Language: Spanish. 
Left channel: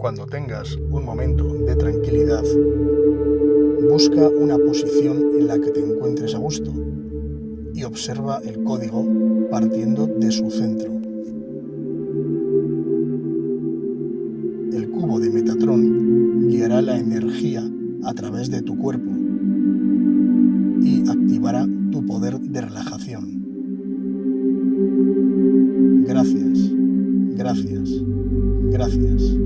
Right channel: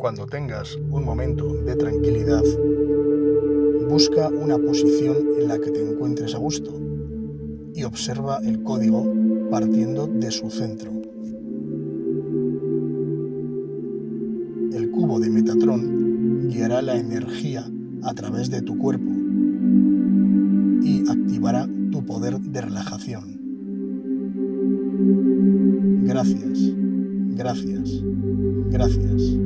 Cuando tengas un momento de tranquilidad, busca una posición en la que te encuentres a gusto y observa el código partiendo de su centro. El cubo de Metatron guiará la energía a través de tu cuerpo y activará tu poder de relajación. Gracias, gracias, gracias.